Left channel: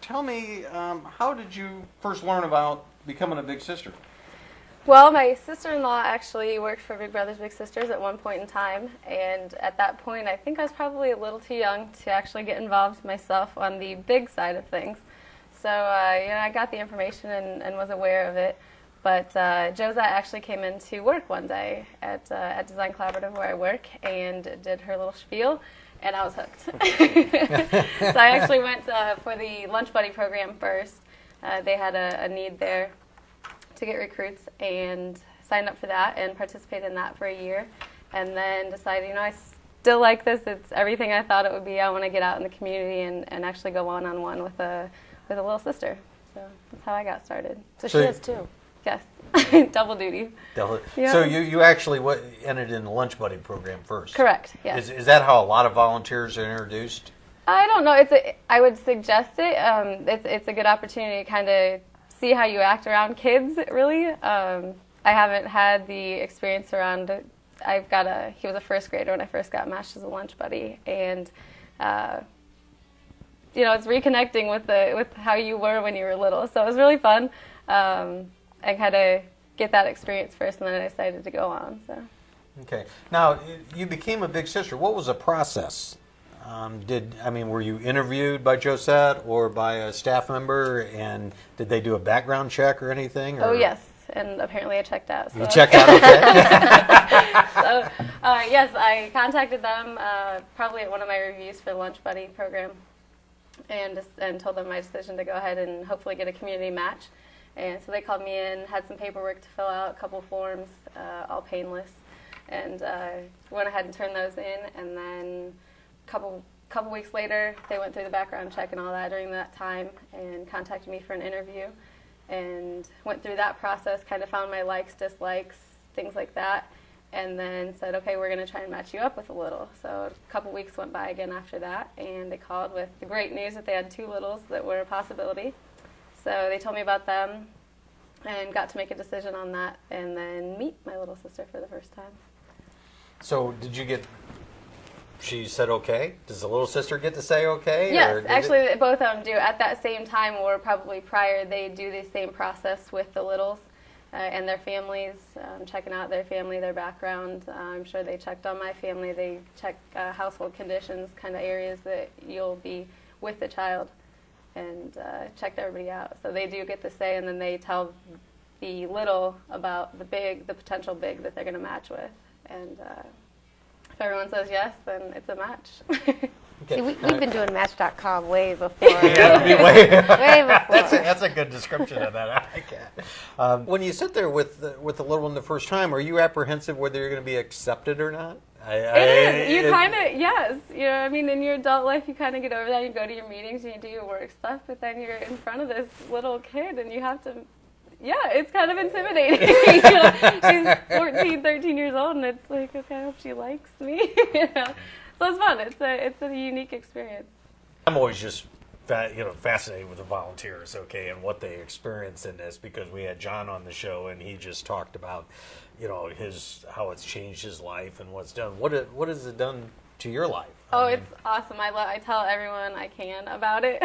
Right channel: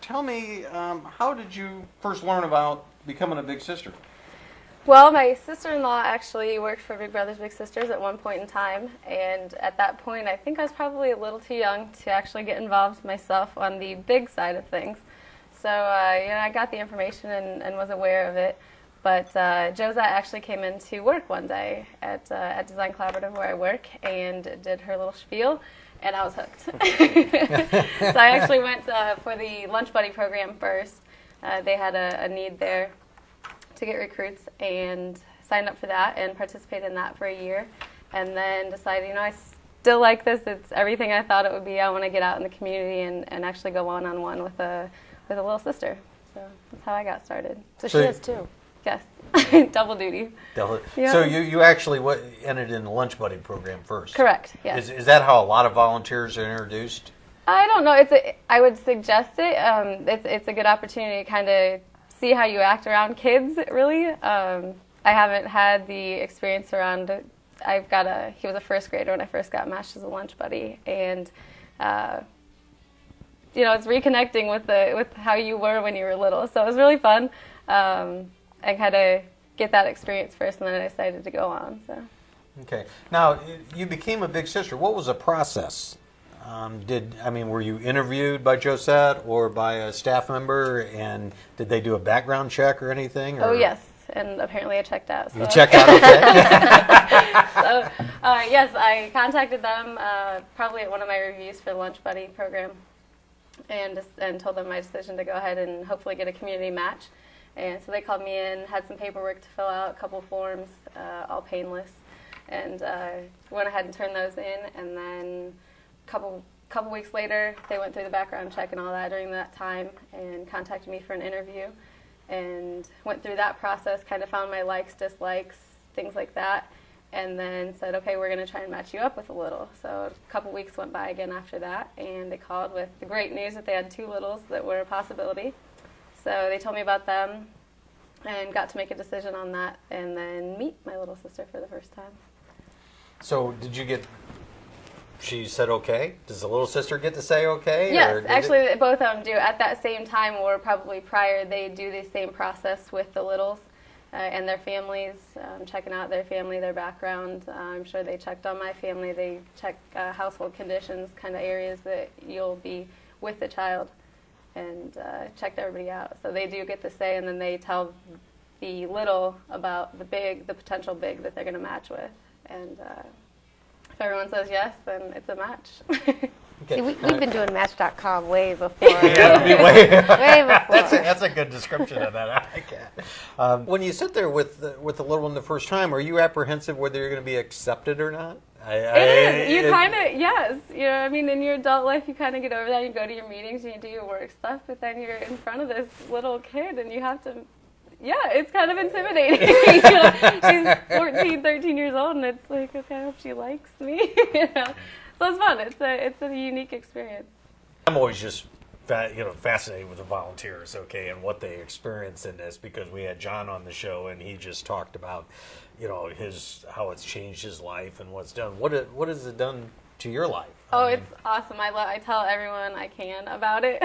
Tell me, how did you first learn about becoming a Big Sister? Well, my sister-in-law actually worked for Big Brothers Big Sisters at one point in time, and at that point I think I was probably a little too young to actually get involved myself on the big side of things. So I got the information and was aware of it. But Josette actually came in to work one day at Design Collaborative where I work and did her little spiel. And I was hooked. So I actually went for the Lunch Buddy program first. They had a need there to get recruits and signed up for that and participated in that for a year. And then decided, I still like this. It's everything I thought it would be. I want to get out in the community and actually go one-on-one with a little sister. So that's how I got started. So she is too. Yes. Double duty. Yeah. So you actually entered in the Lunch Buddy program first? Correct, yes. Is that how a lot of volunteers are introduced? I don't know. I would suggest it. It's a good opportunity to kind of see how you act around kids, really. I haven't had the experience around it. He was a first grader when I first got matched as a Lunch Buddy, and it's reconnecting with how you were when you were little. So it was really fun. I kind of get that experience first, and then I decided to go on. So. Okay. Now, you became a Big Sister. What was the process? Were you interviewed by Josette or by a staff member, and did they do a background check or anything? Or? Oh, yes, and apparently I checked out. So. You checked out, okay. So, yes, I contacted them probably at one of my reviews for the Lunch Buddy program and told them my decision to go ahead and hopefully get a community match. And so they called me in, had some paperwork to fill out, a couple forms, all painless, and went ahead and turned those in. And then a couple weeks later, they went through the background check and all that during that time and contacted me for an interview and went through that process, kind of found my likes, dislikes, things like that, and then said, okay, we're going to try and match you up with a little. So a couple weeks went by again after that, and they called with the great news that they had 2 littles that were a possibility. So they told me about them and got to make a decision on that and then meet my little sister for the first time. So she said okay? Does the little sister get to say okay? Yes, actually both of them do. At that same time or probably prior, they do the same process with the littles and their families, checking out their family, their background. I'm sure they checked on my family. They check household conditions, kind of areas that you'll be with the child, and checked everybody out. So they do get to say, and then they tell the little about the potential big that they're going to match with. And if everyone says yes, then it's a match. Okay. See, we've been doing Match.com way before. Way before. That's a good description of that. I like that. When you sit there with the little one the first time, are you apprehensive whether you're going to be accepted or not? It is. You kind of, yes. In your adult life, you kind of get over that. You go to your meetings and you do your work stuff, but then you're in front of this little kid and you have to, it's kind of intimidating. She's 14, 13 years old, and it's like, okay, I hope she likes me. So it's fun. It's a unique experience. I'm always just fascinated with the volunteers, and what they experience in this, because we had John on the show and he just talked about how it's changed his life and what's done. What has it done to your life? It's awesome. I tell everyone I can about it.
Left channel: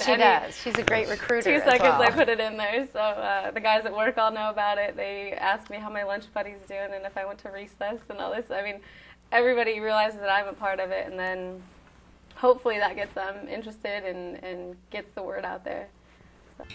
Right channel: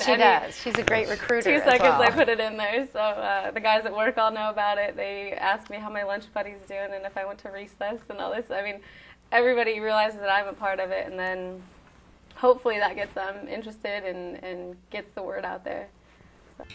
She does. She's a great recruiter. 2 seconds I put it in there. So the guys at work all know about it. They ask me how my lunch buddy's doing and if I went to recess and all this. Everybody realizes that I'm a part of it, and then hopefully that gets them interested and gets the word out there. So.